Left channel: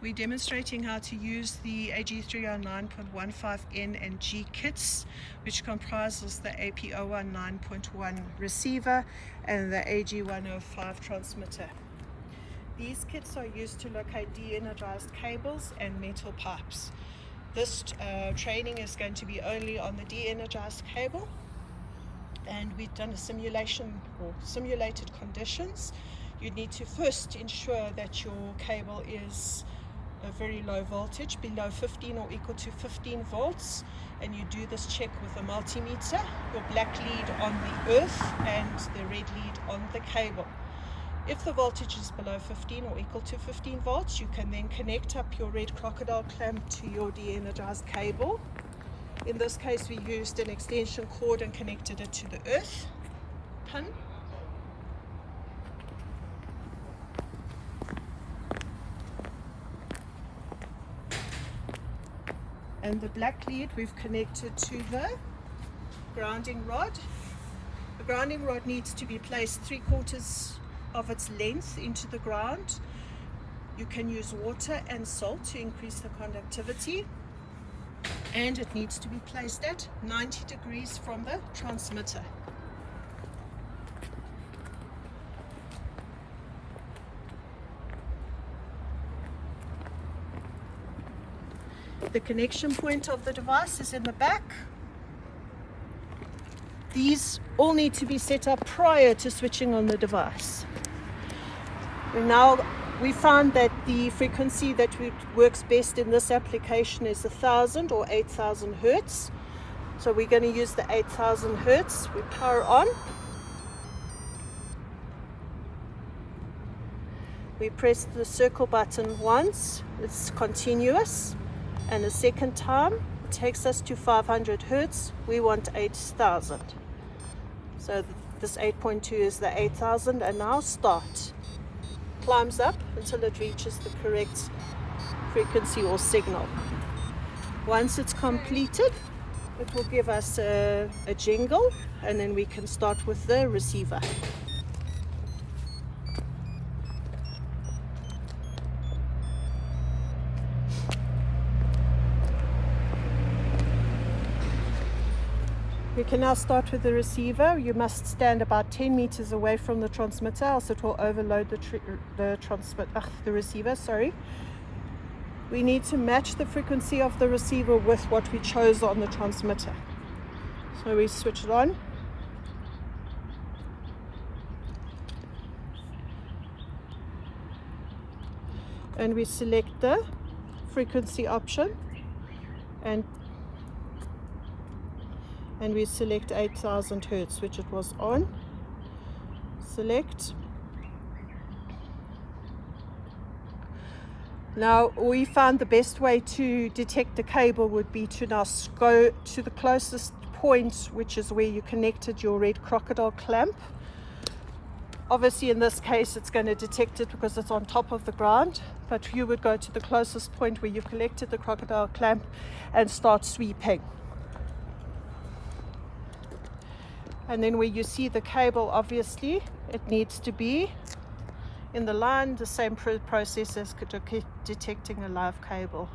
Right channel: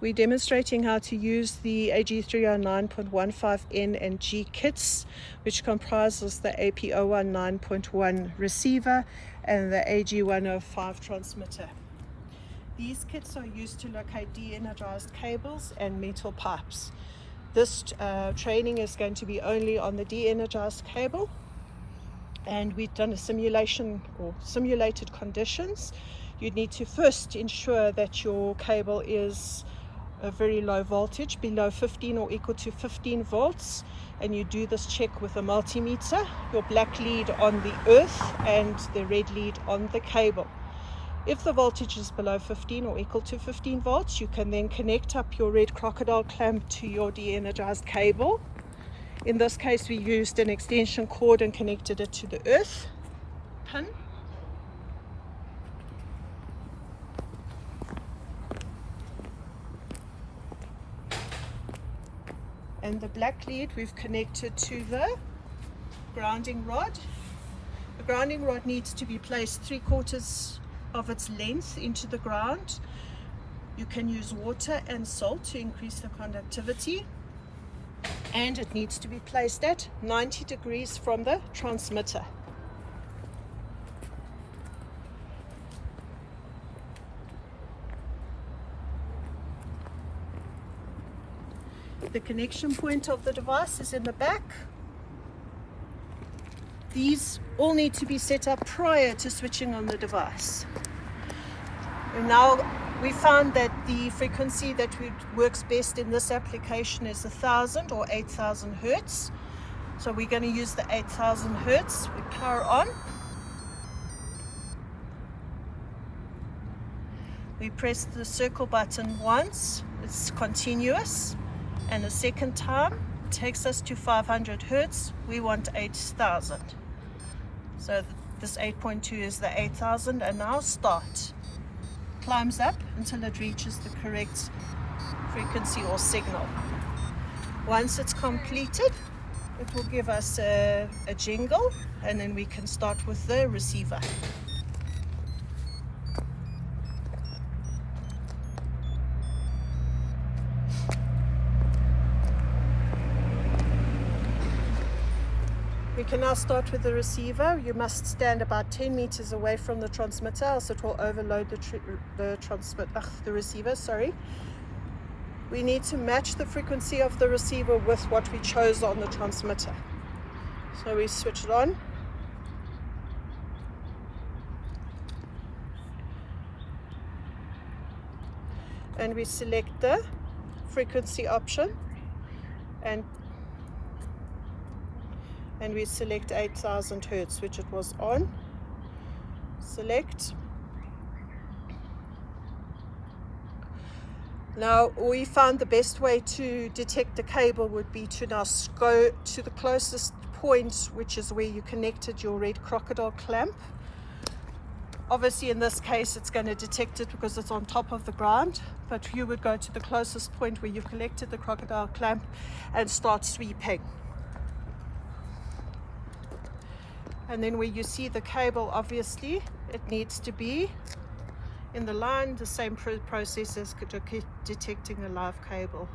We're demonstrating how to use the AG309.15N and G kits, which comprises the AP019.1 receiver and the AG105 transmitter. These kits are used to locate de-energized cables and metal pipes. This training is going to be only on the de-energized cable, and we've done a simulation or simulated conditions. You need to first ensure that your cable is a very low voltage, below 15 or equal to 15 volts, and you do this check with a multimeter, your black lead on the earth and the red lead on the cable. If the voltage is below 15 or equal to 15 volts, you can then connect up your red crocodile clamp to your de-energized cable. In this case, we used an extension cord and connected it to the earth pin. And the black lead we've connected to the grounding rod. The grounding rod needs to be placed 3/4 of its length into the ground. You can use water and salt to increase the conductivity, and it needs to be placed at 90 degrees from the transmitter. The connection point of the device is in the back. These all need to be set up prior to switching on the device. Now, we found that the frequency that works best in this application is 1000 or 8000 hertz. So we're going to use the 8000 hertz. We power on. We press the circle button once, it's continuous. And the second time takes us to 500 hertz. We want 8000. So this 8.2 is the 8000, and now start. Climbs up until it reaches the correct frequency or signal. Once it's completed, it will give us a jingle, and then we can start with the receiver. We can now start with the receiver. You must stand about 10 meters away from the transmitter, else it will overload the receiver. Sorry. We need to match the frequency of the receiver with what we chose on the transmitter. So we switch it on. And we select the frequency option, and we select 8000 hertz, which it was on. Select. Now, we found the best way to detect the cable would be to now go to the closest point, which is where you connected your red crocodile clamp. Obviously, in this case, it's going to detect it because it's on top of the ground, but you would go to the closest point where you've collected the crocodile clamp and start sweeping. And then where you see the cable, obviously, it needs to be in the line, the same process as detecting a live cable.